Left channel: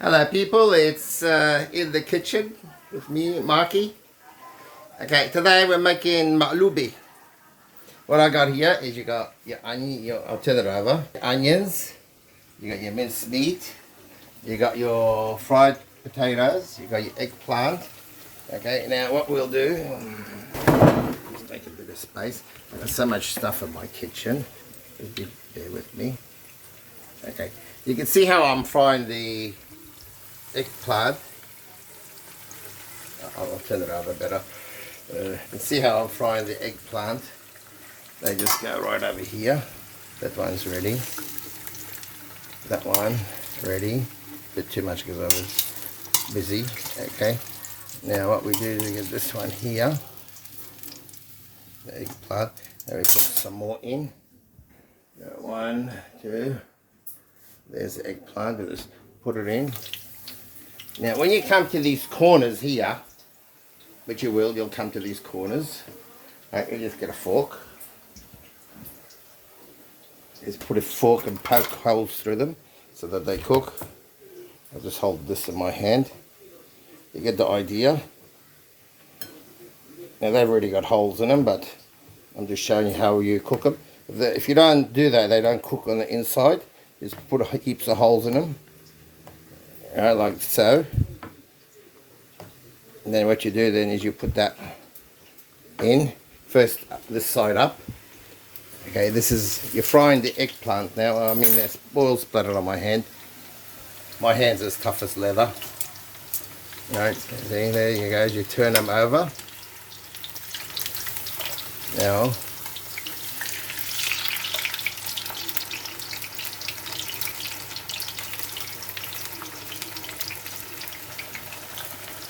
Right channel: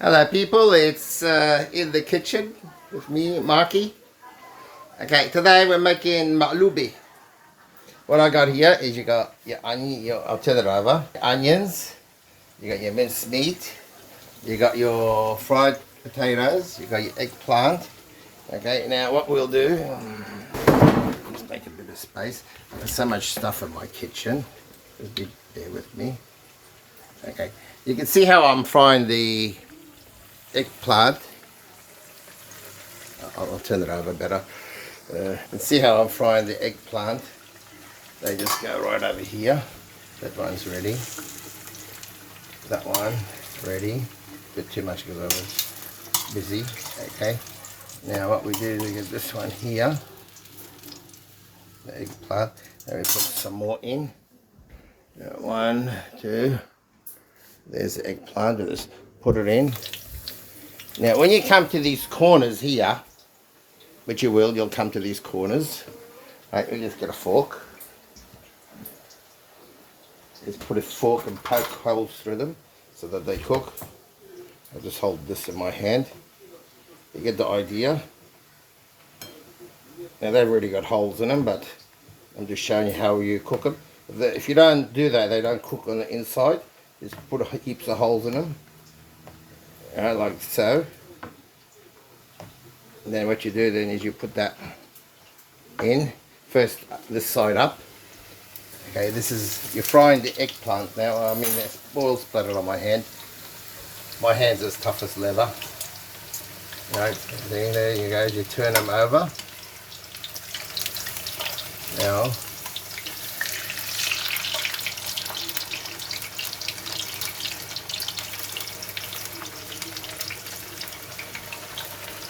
Hello people, it's in the kitchen with me, Marky. Okay, today we're making Maqluba. What I got here is you got your onion, I'll turn it over. Onions, you got your minced meat, you got your fried potatoes, you got your eggplant. Okay, now what we'll do, just make a bit of space. There's so much stuff in my kitchen, just be there with me. Okay, you can see how I'm frying the eggplant. I'll turn it over better. You can see how I'm frying the eggplant. They just go right over here. That one's ready. That one ready. A bit too much because I was busy. Okay. Now what we do is we get this one here, the eggplant. Then we put some more in. 1, 2. There's the eggplant. We'll just put it in. Now when you come to these corners here, which you'll come to these corners. Right, you just get a fork. Just put a fork and poke holes through them so that they cook. I'll just hold this in my hand. You get the idea. Now they've already got holes in them, but I'm just showing you how you cook them. If you don't do that, they don't cook on the inside. Just put heaps of holes in them. Like so. And then what you do then is you put that in. First this side up. Okay, you're frying the eggplant now. I mean, there's oil splattered on my hand. My hand's as tough as leather. Right, there you go. You turn them over. Now,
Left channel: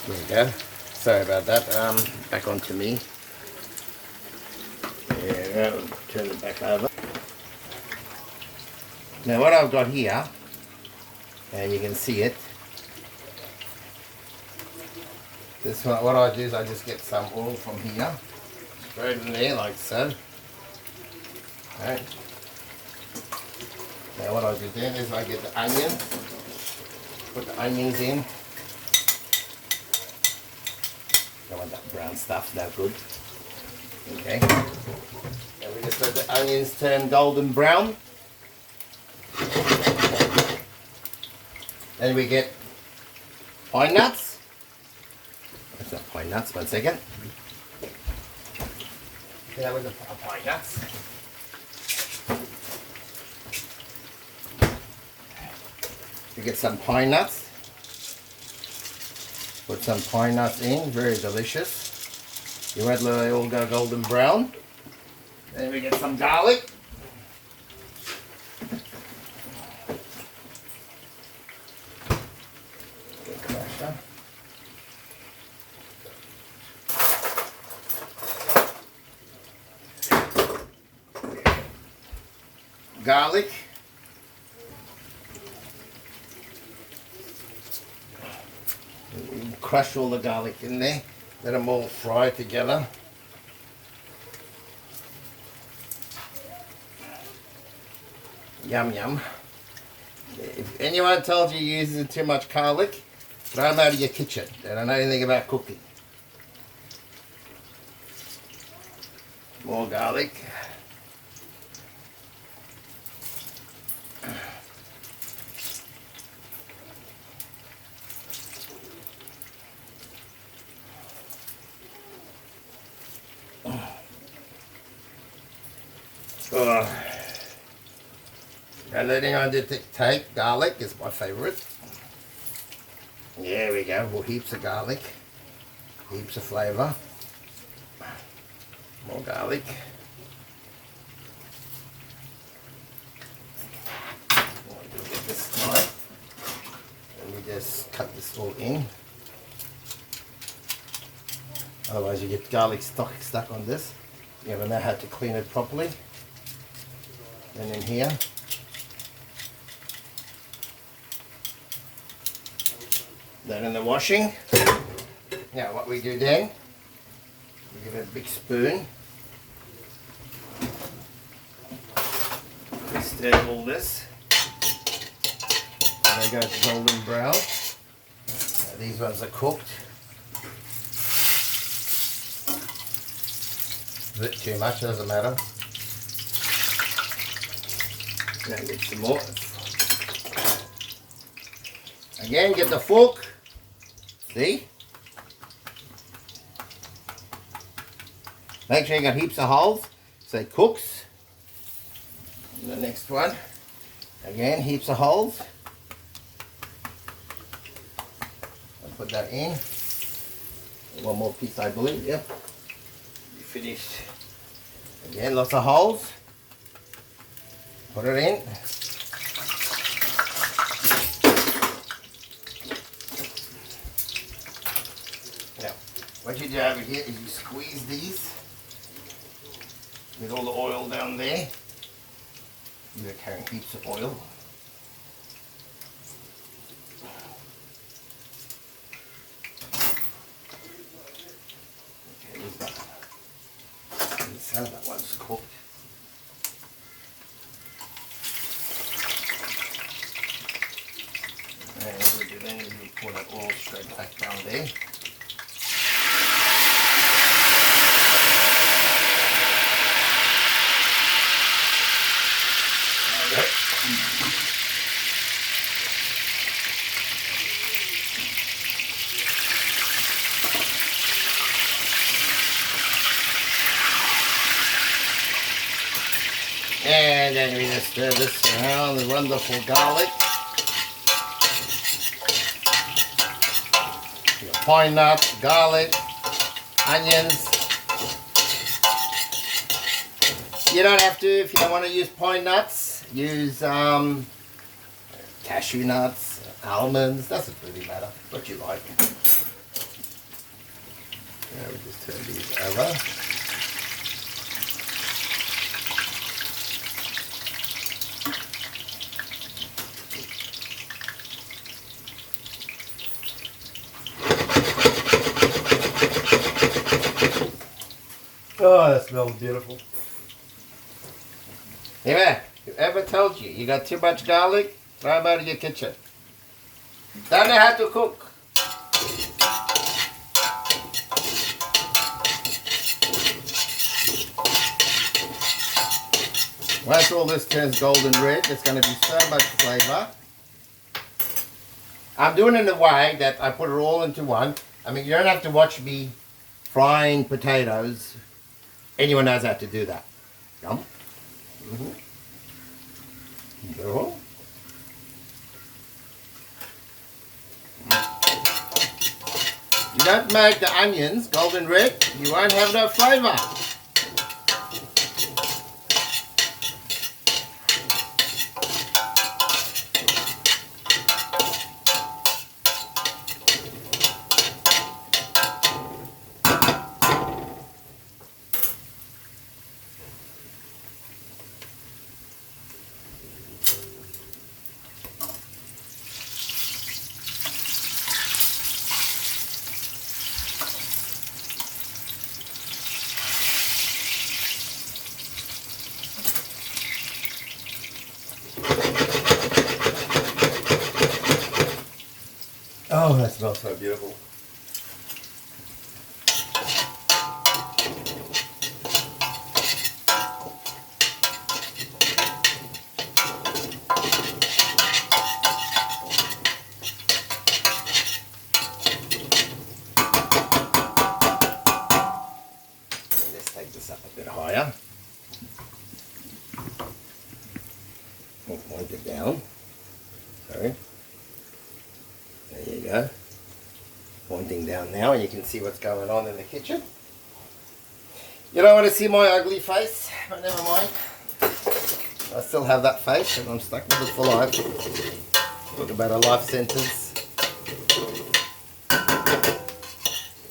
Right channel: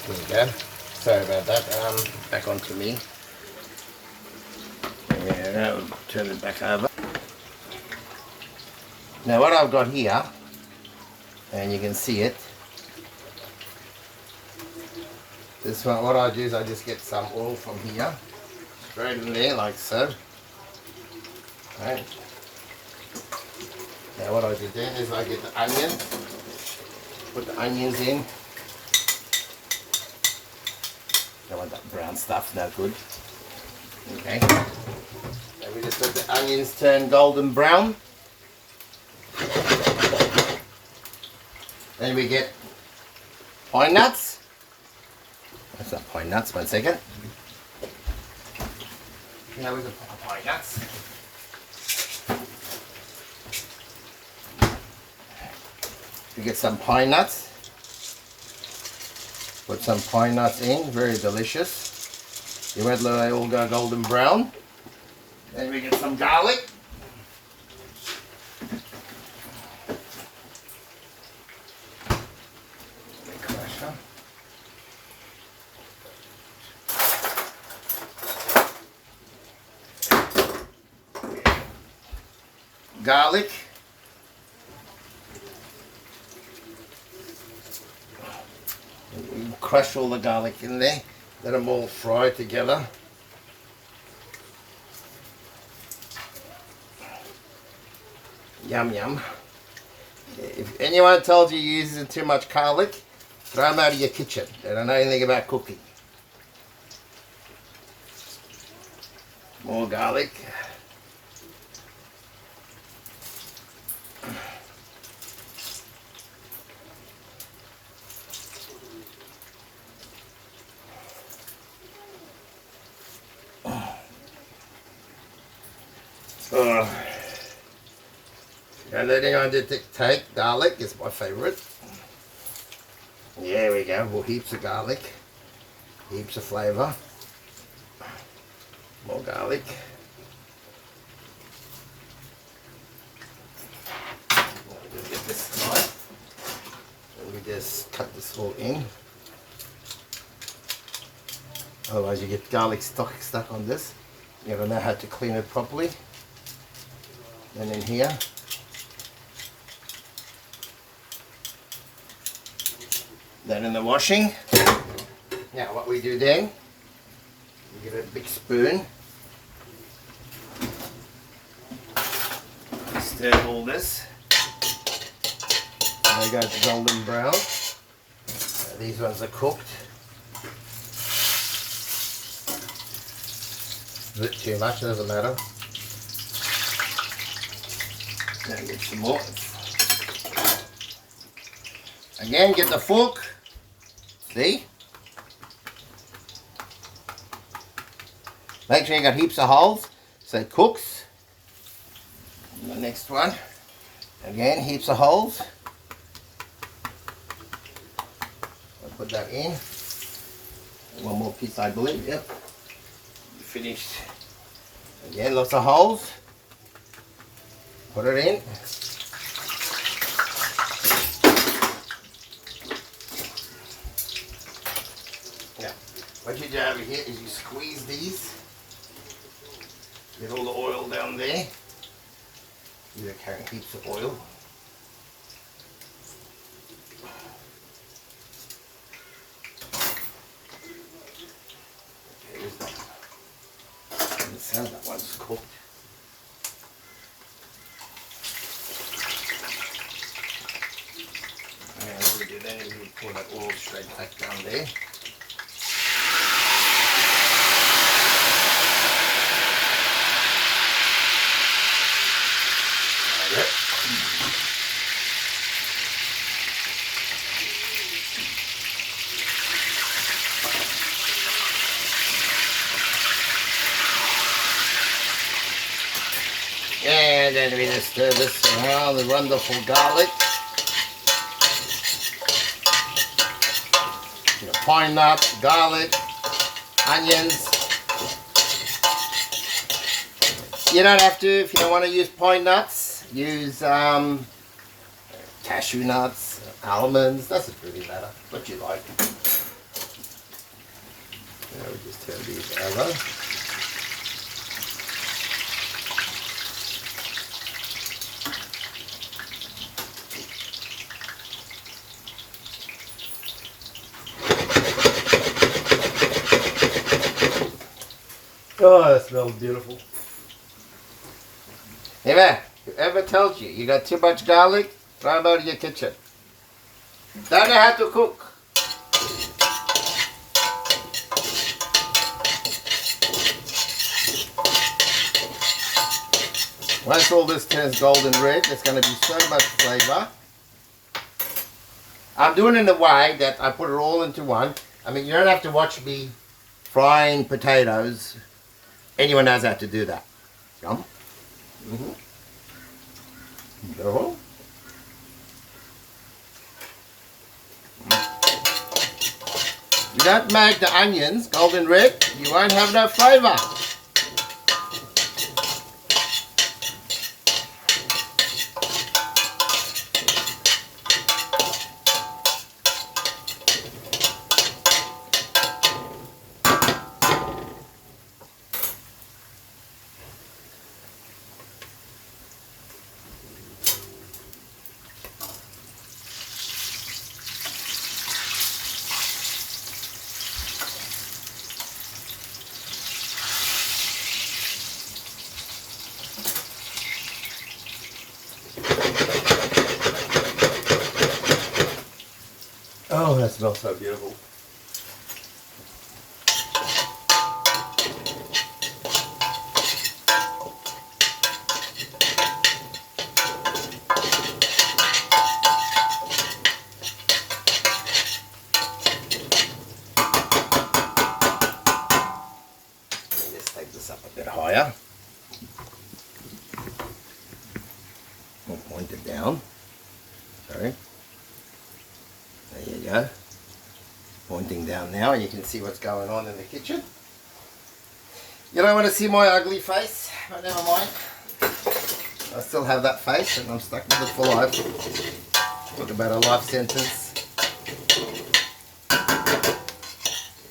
there you go. Sorry about that. Back onto me. Yeah, we'll turn it back over. Now what I've got here, and you can see it. This one, what I do is I just get some oil from here, spread it in there like so. Right. Now what I do then is I get the onion, put the onions in. Don't want that brown stuff, no good. Okay. And we just let the onions turn golden brown. Then we get pine nuts. That's not pine nuts, 1 second. Now with the pine nuts. We get some pine nuts. Put some pine nuts in, very delicious. You wait till they all go golden brown. Then we get some garlic. Garlic. Crush all the garlic in there, let them all fry together. Yum yum. If anyone tells you you're using too much garlic, throw them out of your kitchen. They don't know anything about cooking. More garlic. Don't let anyone take garlic, it's my favourite. There we go, well, heaps of garlic, heaps of flavour. More garlic. Get this knife, and we just cut this all in. Otherwise you get garlic stuck on this. You gotta know how to clean it properly. And in here. Then in the washing. Now what we do then, we get a big spoon. We stir all this. And they go golden brown. These ones are cooked. A bit too much, doesn't matter. Now get some more. Again, get the fork. See? Make sure you got heaps of holes so it cooks. And the next one, again, heaps of holes. I'll put that in. One more piece, I believe. Yep. You finished. Again, lots of holes. Put it in. Now, what you do over here is you squeeze these. Get all the oil down there. You're carrying heaps of oil. Okay, there's that. So that one's cooked. And what we do then is we pour that oil straight back down there. And then we just stir this around the wonderful garlic. Your pine nuts, garlic, onions. You don't have to, if you don't want to use pine nuts, use cashew nuts, almonds, doesn't really matter, what you like. Now we just turn these over. Oh, that smells beautiful. Whoever tells you got too much garlic, throw them out of your kitchen. Don't know how to cook. Once all this turns golden red, there's going to be so much flavour. I'm doing it in a way that I put it all into one. I mean, you don't have to watch me frying potatoes. Anyone knows how to do that. Yum. Go. You don't make the onions golden red, you won't have no flavour. Oh, that smells so beautiful. Let's take this up a bit higher. And point it down. Sorry. There you go. Pointing down now, and you can see what's going on in the kitchen. You don't want to see my ugly face, but never mind. I still have that face, and I'm stuck with it for life. Talk about a life sentence.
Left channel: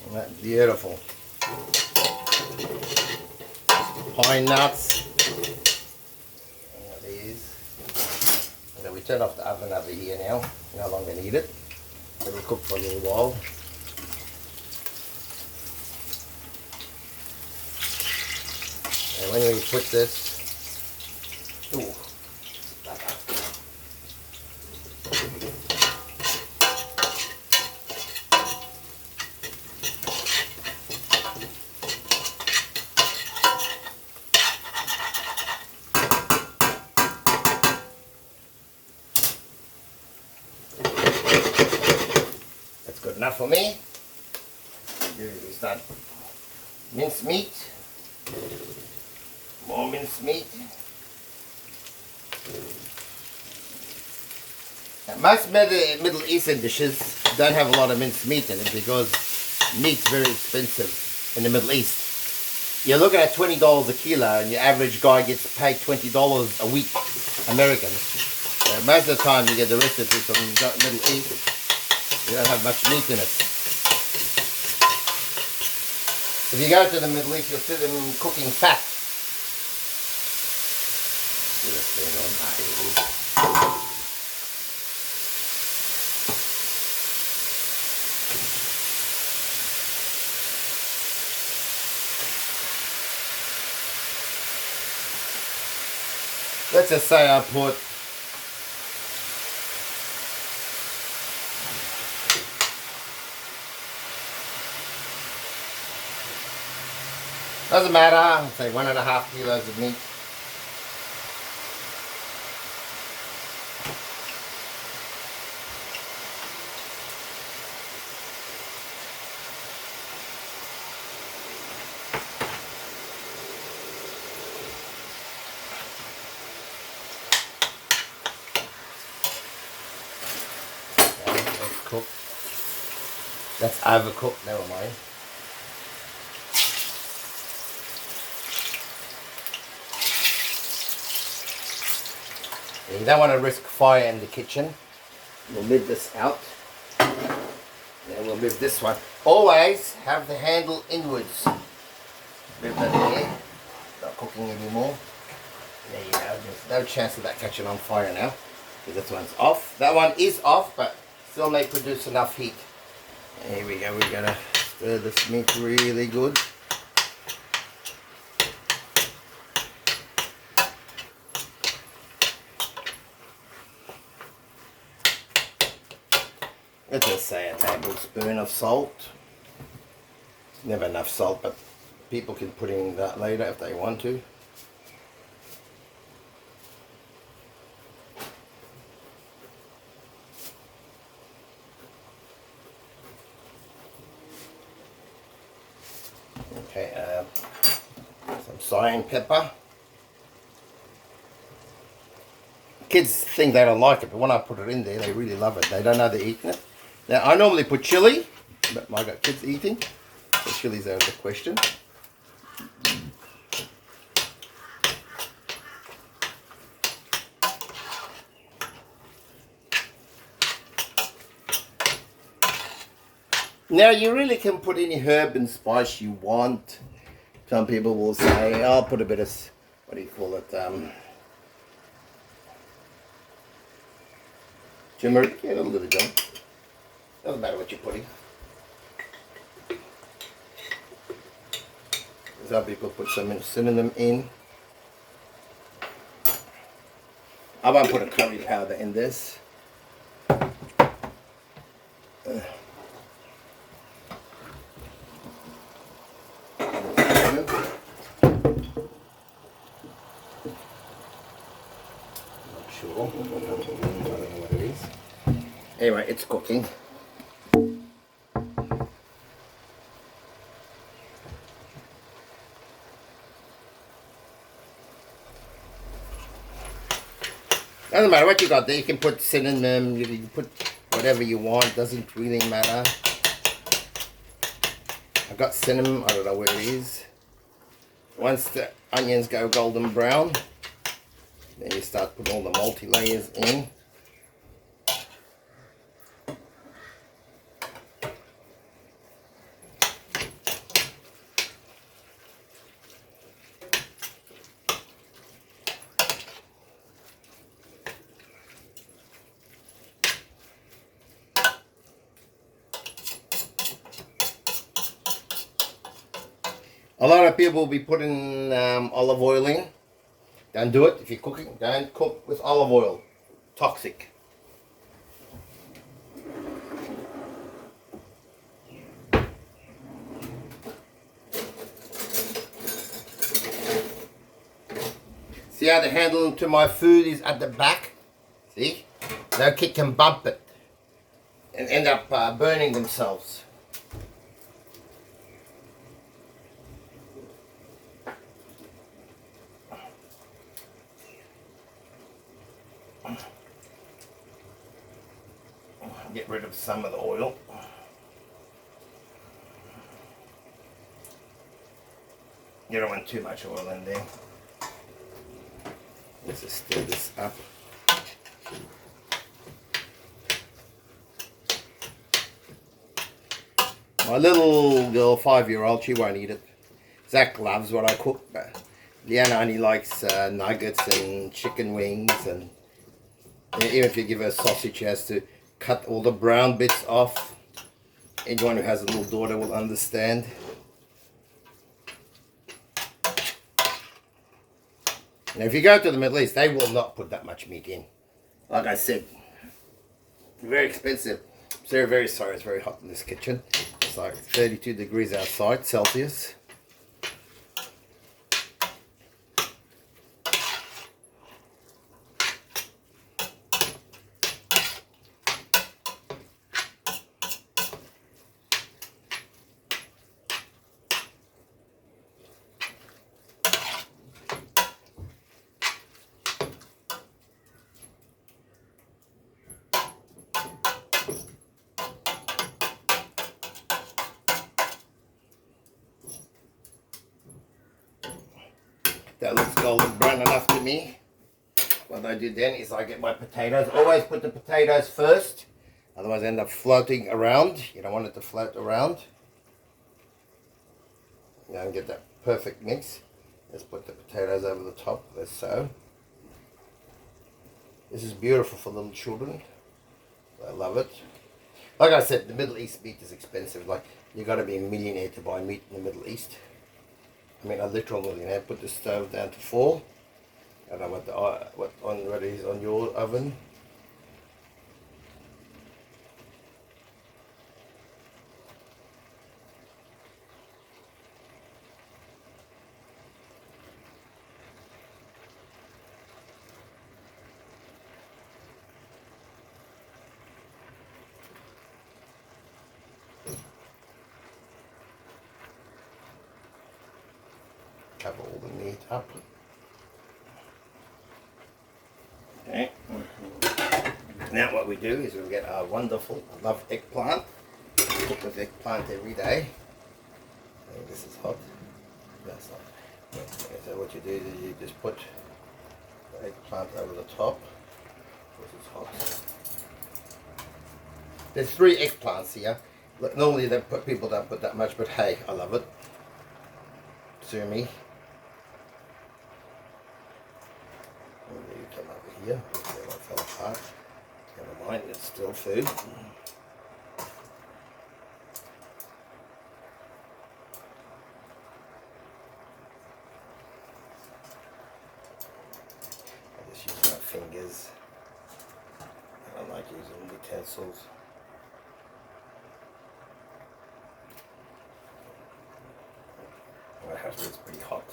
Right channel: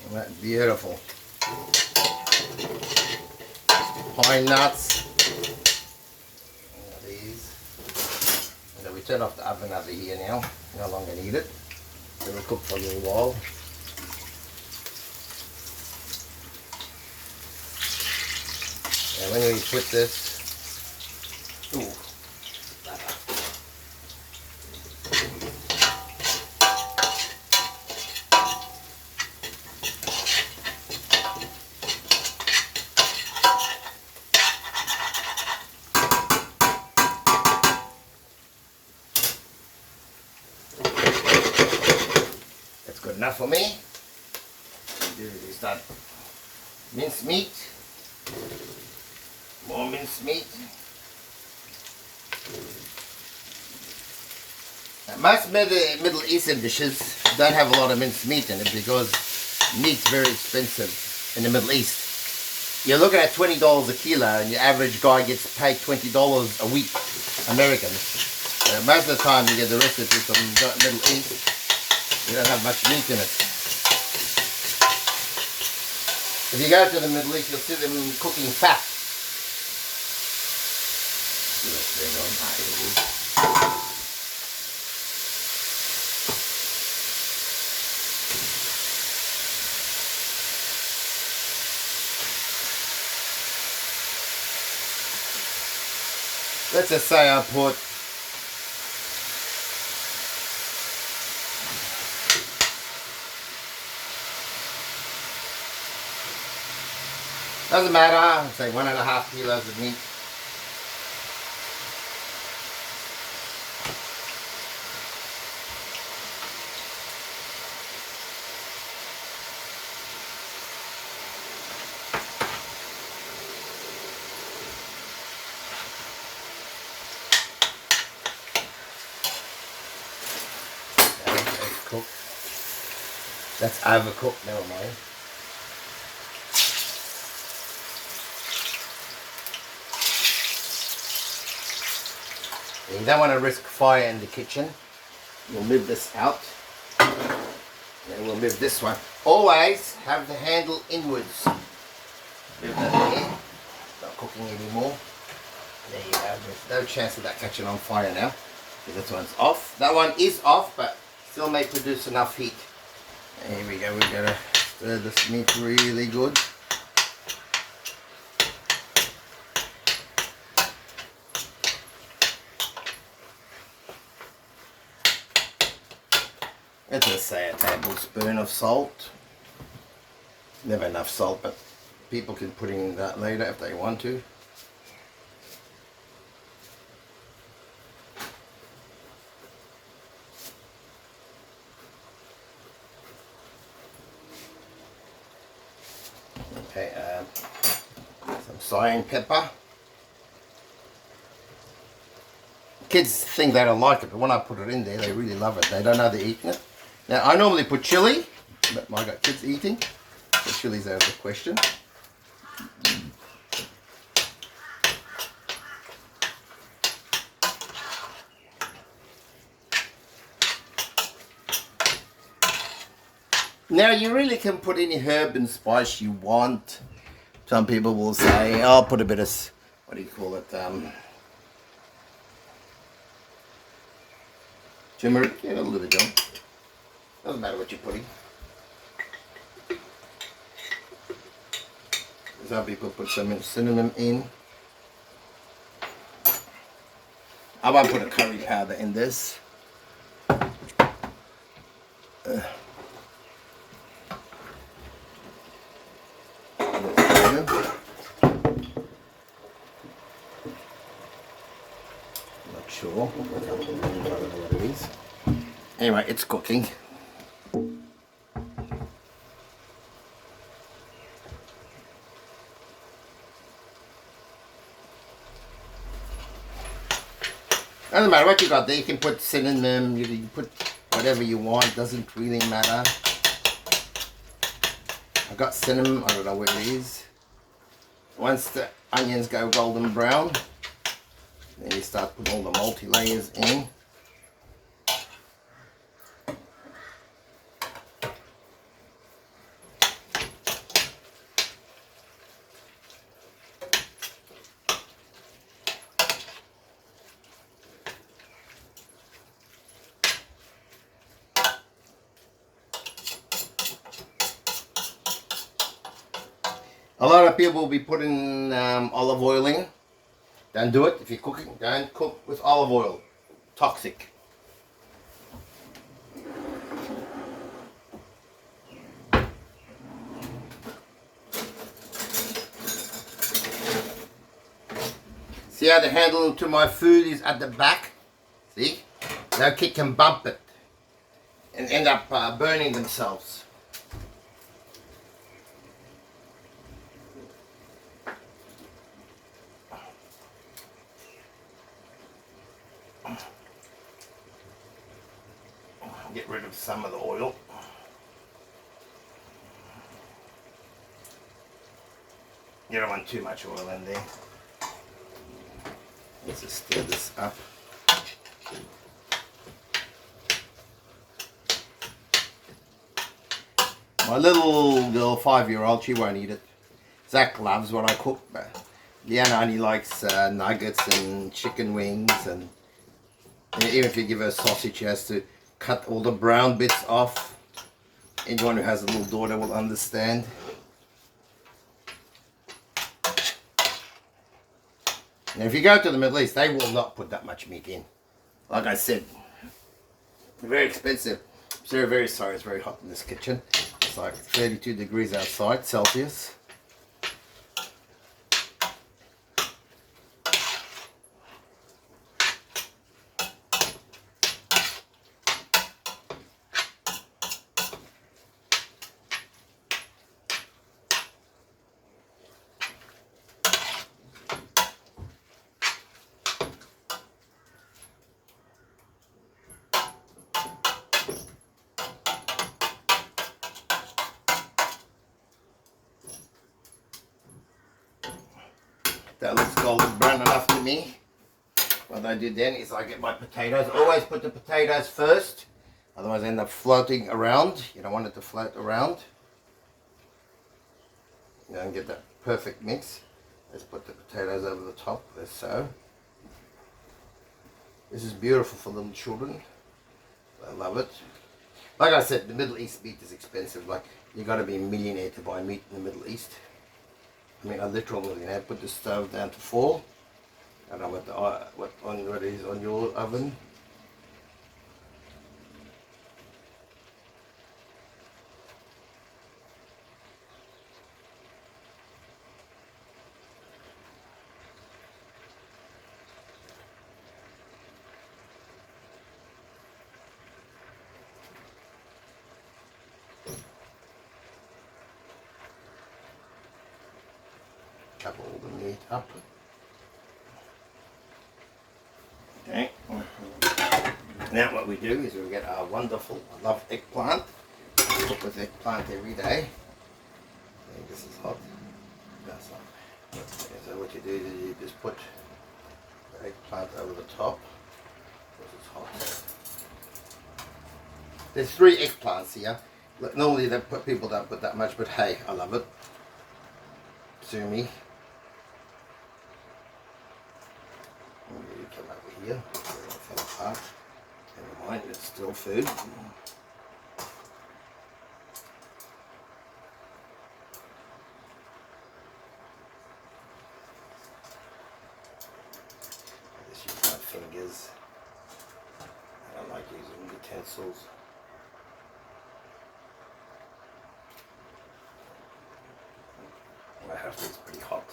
Isn't that beautiful? Pine nuts. These. And then we turn off the oven over here now. No longer need it. It'll cook for a little while. And when we put this, ooh, that up. enough for me. Is that minced meat? More minced meat. Most Middle Eastern dishes don't have a lot of minced meat in it because meat's very expensive in the Middle East. You're looking at $20 a kilo and your average guy gets paid $20 a week, American. Most of the time you get the recipe from the Middle East, you don't have much meat in it. If you go to the Middle East, you'll see them cooking fat. Let's just say I put doesn't matter, I'll say 1.5 kilos of meat. Cooked. That's overcooked, never mind. You don't want to risk fire in the kitchen. We'll move this out. And we'll move this one. Always have the handle inwards. Move that there. Not cooking anymore. There you go. There's no chance of that catching on fire now. So this one's off. That one is off, but still may produce enough heat. Here we go, we're gonna stir this meat really good. Let's just say a tablespoon of salt. Never enough salt, but people can put in that later if they want to. Okay, some cayenne pepper. Kids think they don't like it, but when I put it in there, they really love it. They don't know they're eating it. Now, I normally put chili, but I got kids eating, so chili's out of the question. Now you really can put any herb and spice you want. Some people will say, I'll put a bit of, what do you call it, tumeric, a little bit of jam. Doesn't matter what you're putting. Some people put some cinnamon in. I won't put a curry powder in this. Sure. Anyway, it's cooking. Doesn't matter what you got there. You can put cinnamon, you can put whatever you want. Doesn't really matter. I got cinnamon. I don't know where it is. Once the onions go golden brown, then you start putting all the multi-layers in. A lot of people will be putting olive oil in. Don't do it if you're cooking. Don't cook with olive oil. Toxic. See how the handle to my food is at the back? See? No kick and bump it. and end up burning themselves. Get rid of some of the oil. You don't want too much oil in there. Let's just stir this up. My little girl, 5-year-old, she won't eat it. Zach loves what I cook, but Leanna only likes nuggets and chicken wings, and even if you give her a sausage, she has to cut all the brown bits off. Anyone who has a little daughter will understand. Now, if you go to the Middle East, they will not put that much meat in. Like I said, very expensive. So very sorry, it's very hot in this kitchen. It's like 32 degrees outside, Celsius. That looks golden brown enough to me. What I do then is I get my potatoes. Always put the potatoes first, otherwise they end up floating around. You don't want it to float around. You don't get that perfect mix. Let's put the potatoes over the top, as so. This is beautiful for little children. I love it. Like I said, the Middle East meat is expensive. Like, you got to be a millionaire to buy meat in the Middle East. I mean, a literal millionaire. Put the stove down to 4. I don't know what it is on your oven. Cover all the meat up. Okay. Now what we do is we get our wonderful, I love eggplant. I cook with eggplant every day. And this is hot. That's not. Okay, so what you do is you just put the eggplant over the top. This is hot. There's 3 eggplants here. Look, normally people don't put that much, but hey, I love it. Sue me. Come over here. It fell apart. Never mind, it's still food. I just use my fingers. I don't like using utensils. I have to, it's pretty hot.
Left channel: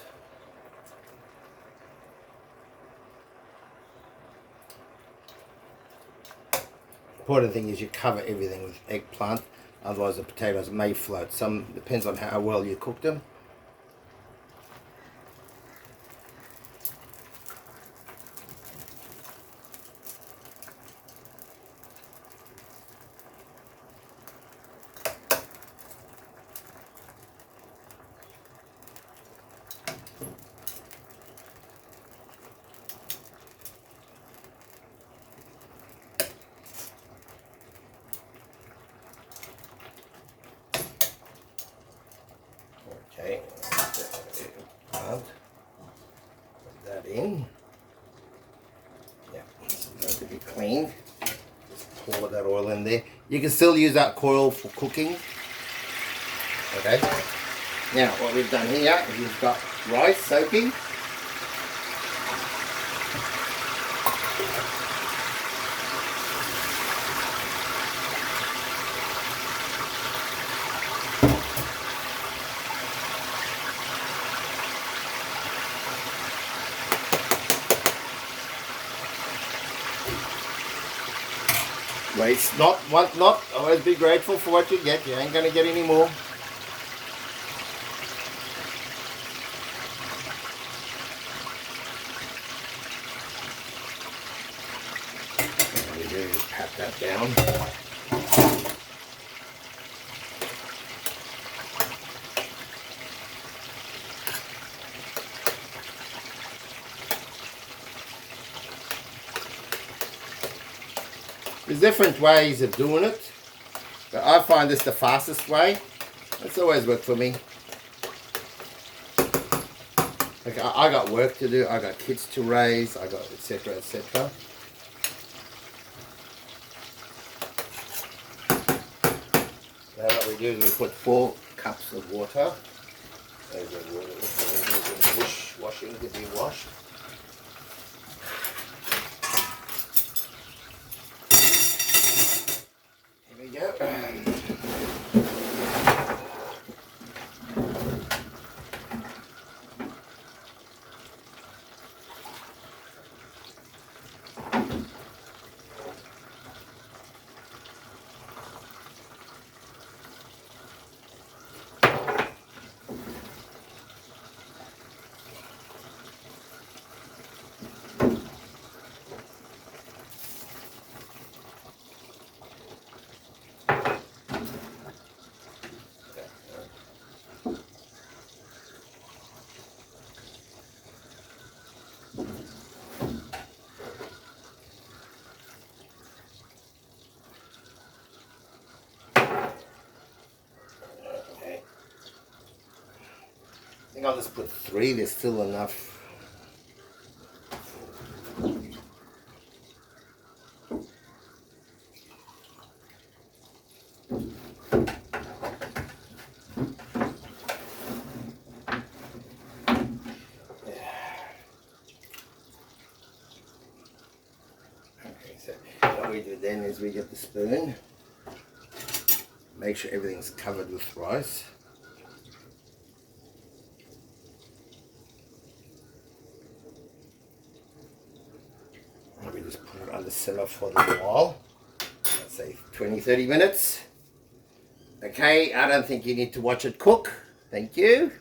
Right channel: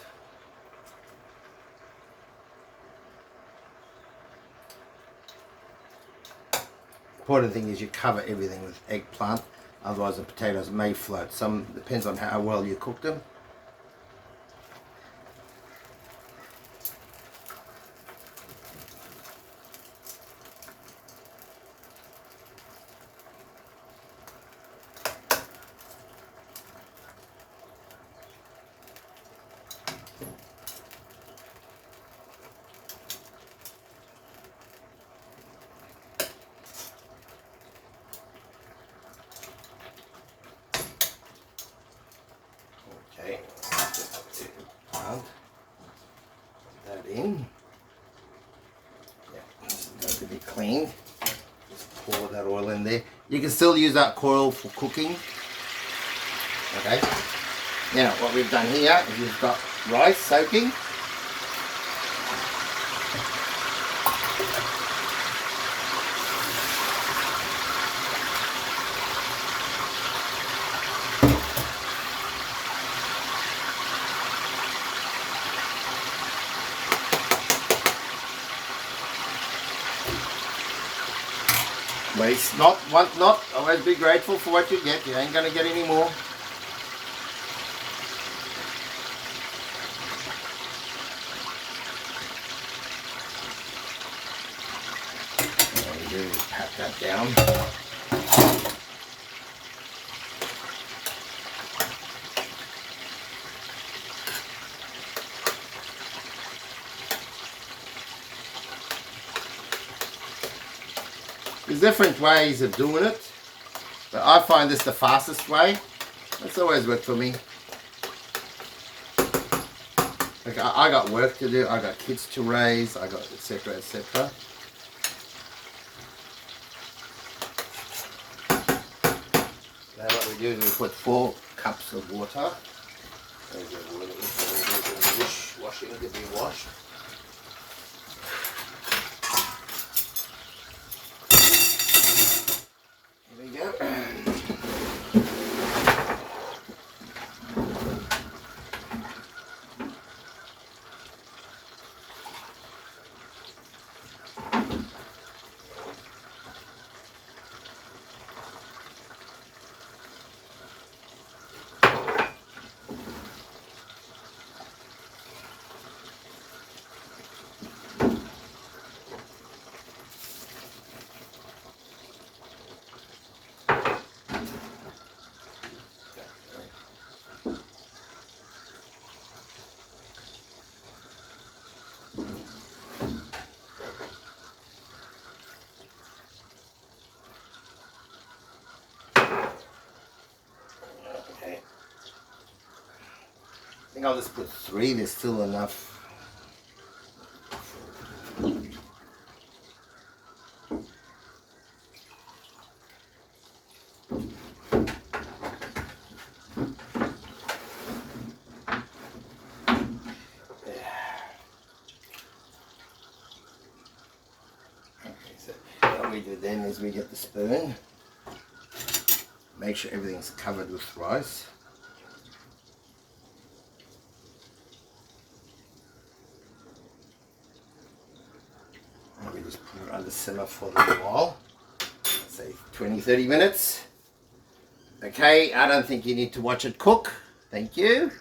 Important thing is you cover everything with eggplant, otherwise the potatoes may float. Some depends on how well you cook them. Okay, put that in. Yeah, it's going to be cleaned. Just pour that oil in there. You can still use that oil for cooking. Okay. Now what we've done here is we've got rice soaking. Waste not, want not. Always be grateful for what you get. You ain't gonna get any more. All you do is pat that down. There's different ways of doing it, but I find this the fastest way. It's always worked for me. Like I got work to do, I got kids to raise, I got etc. etc. Now what we do is we put 4 cups of water. There's the water, there's the washing to be washed. Here we go. I think I'll just put 3, there's still enough. Okay, so what we do then is we get the spoon, make sure everything's covered with rice. We just put it on the simmer for a little while, let's say 20-30 minutes. Okay, I don't think you need to watch it cook. Thank you.